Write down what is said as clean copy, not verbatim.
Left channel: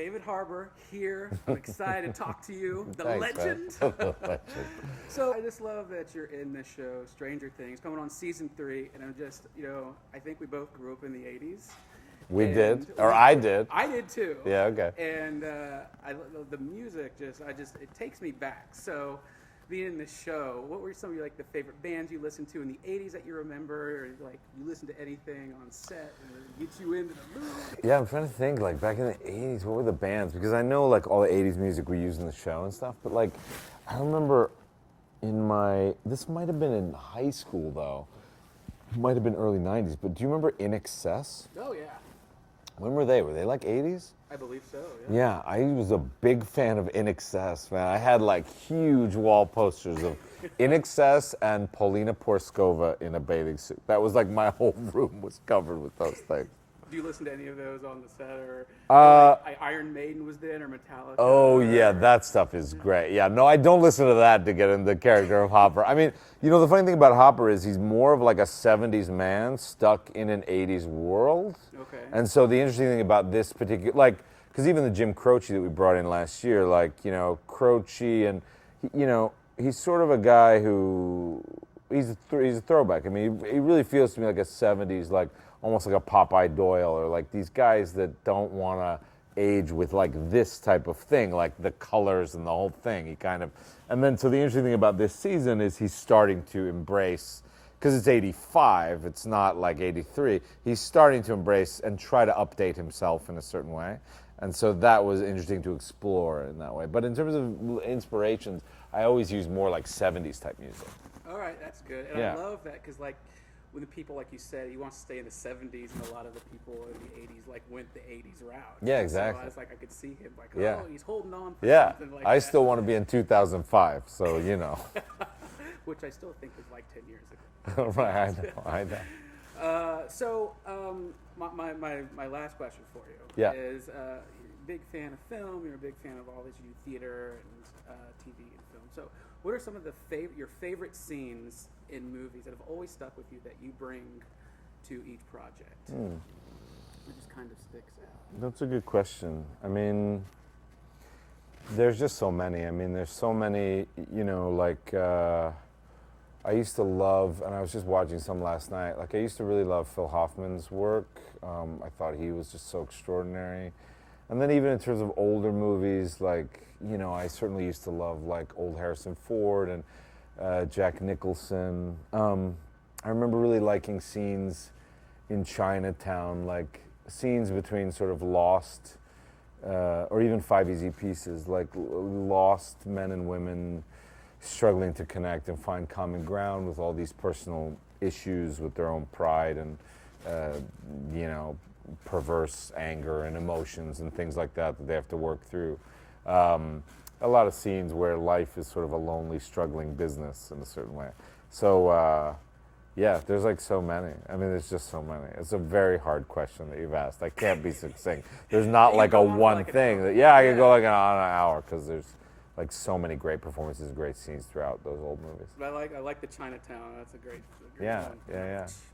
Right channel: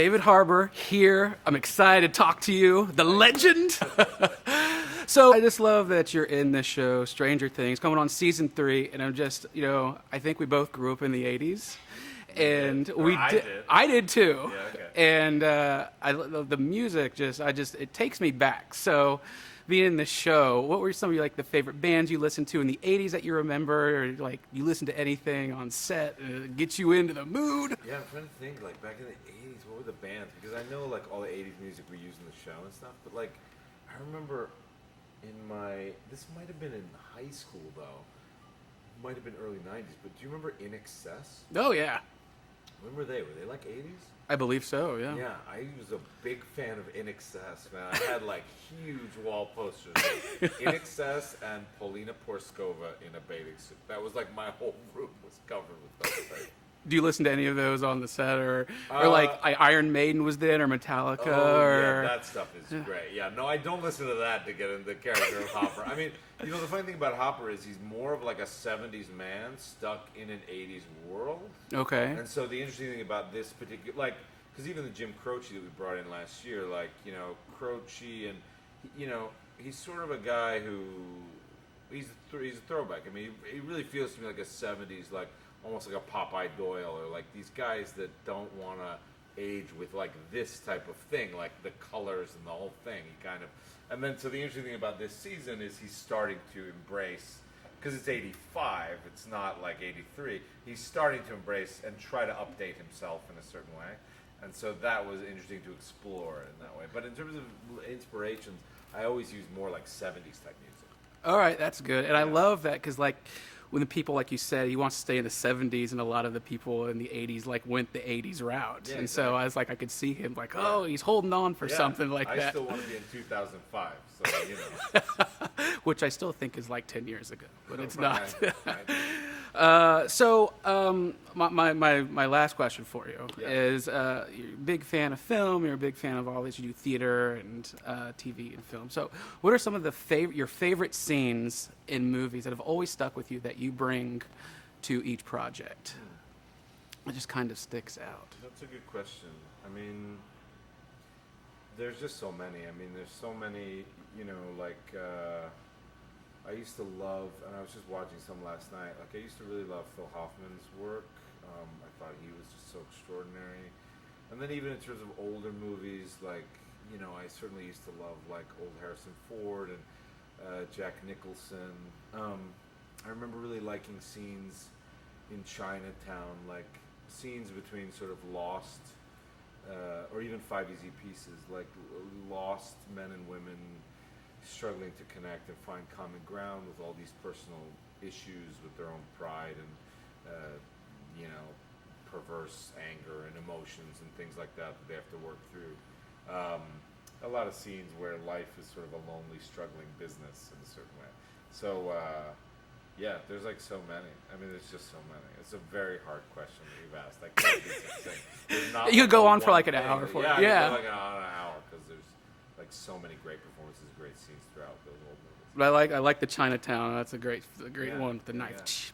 David Harbour here. I'm excited to talk to you, the legend. So I just love that you're in this show, Stranger Things, coming on season 3, and I'm just, I think we both grew up in the 80s. I did. I did too. Yeah, okay. And the music it takes me back. So being in the show, what were some of your the favorite bands you listened to in the 80s that you remember, or you listened to anything on set and get you into the mood? Yeah, I'm trying to think, back in the 80s, what were the bands? Because I know, all the 80s music we used in the show and stuff, but, I remember this might have been in high school, though. It might have been early 90s, but do you remember In Excess? Oh, yeah. When were they? Were they 80s? I believe so, yeah. Yeah, I was a big fan of In Excess, man. I had huge wall posters of In Excess and Paulina Porskova in a bathing suit. That was my whole room was covered with those things. Do you listen to any of those on the set, or Iron Maiden was there, or Metallica? Oh, yeah, that stuff is great. Yeah, no, I don't listen to that to get in the character of Hopper. I mean, the funny thing about Hopper is he's more of a 70s man stuck in an 80s world. Okay. And so the interesting thing about this particular, because even the Jim Croce that we brought in last year, Croce, and, he's sort of a guy who, he's a throwback. I mean, he really feels to me like a 70s, almost like a Popeye Doyle, or these guys that don't want to age with this type of thing, the colors and the whole thing. He kind of, and then so the interesting thing about this season is he's starting to embrace, because it's 85, it's not 83, he's starting to embrace and try to update himself in a certain way. And so that was interesting to explore in that way. But in terms of inspirations, I always use more 70s type music. All right, that's good. And Yeah. I love that because when the people, like you said, he wants to stay in the 70s, and a lot of the people in the 80s went the 80s route. Yeah, and exactly. So I was I could see him Yeah. he's holding on for Yeah, something like that. I still want to be in 2005, so Which I still think is 10 years ago. But it's Right, not. I know. My last question for you Yeah. is, you're a big fan of film, you're a big fan of all this, you do theater and TV and film. So what are some of your favorite scenes in movies that have always stuck with you that you bring to each project? It just kind of sticks out. That's a good question. I mean, there's just so many. I mean, there's so many, I used to love, and I was just watching some last night, I used to really love Phil Hoffman's work. I thought he was just so extraordinary. And then even in terms of older movies, I certainly used to love old Harrison Ford and Jack Nicholson. I remember really liking scenes in Chinatown, scenes between sort of lost, or even Five Easy Pieces, lost men and women struggling to connect and find common ground with all these personal issues with their own pride and, perverse anger and emotions and things like that they have to work through. A lot of scenes where life is sort of a lonely, struggling business in a certain way. So, there's so many. I mean, there's just so many. It's a very hard question that you've asked. I can't be succinct. There's not You go a on for one an thing. hour. I can go on an hour because there's so many great performances and great scenes throughout those old movies. But I like the Chinatown. That's a great Yeah, one. The yeah, knife. yeah.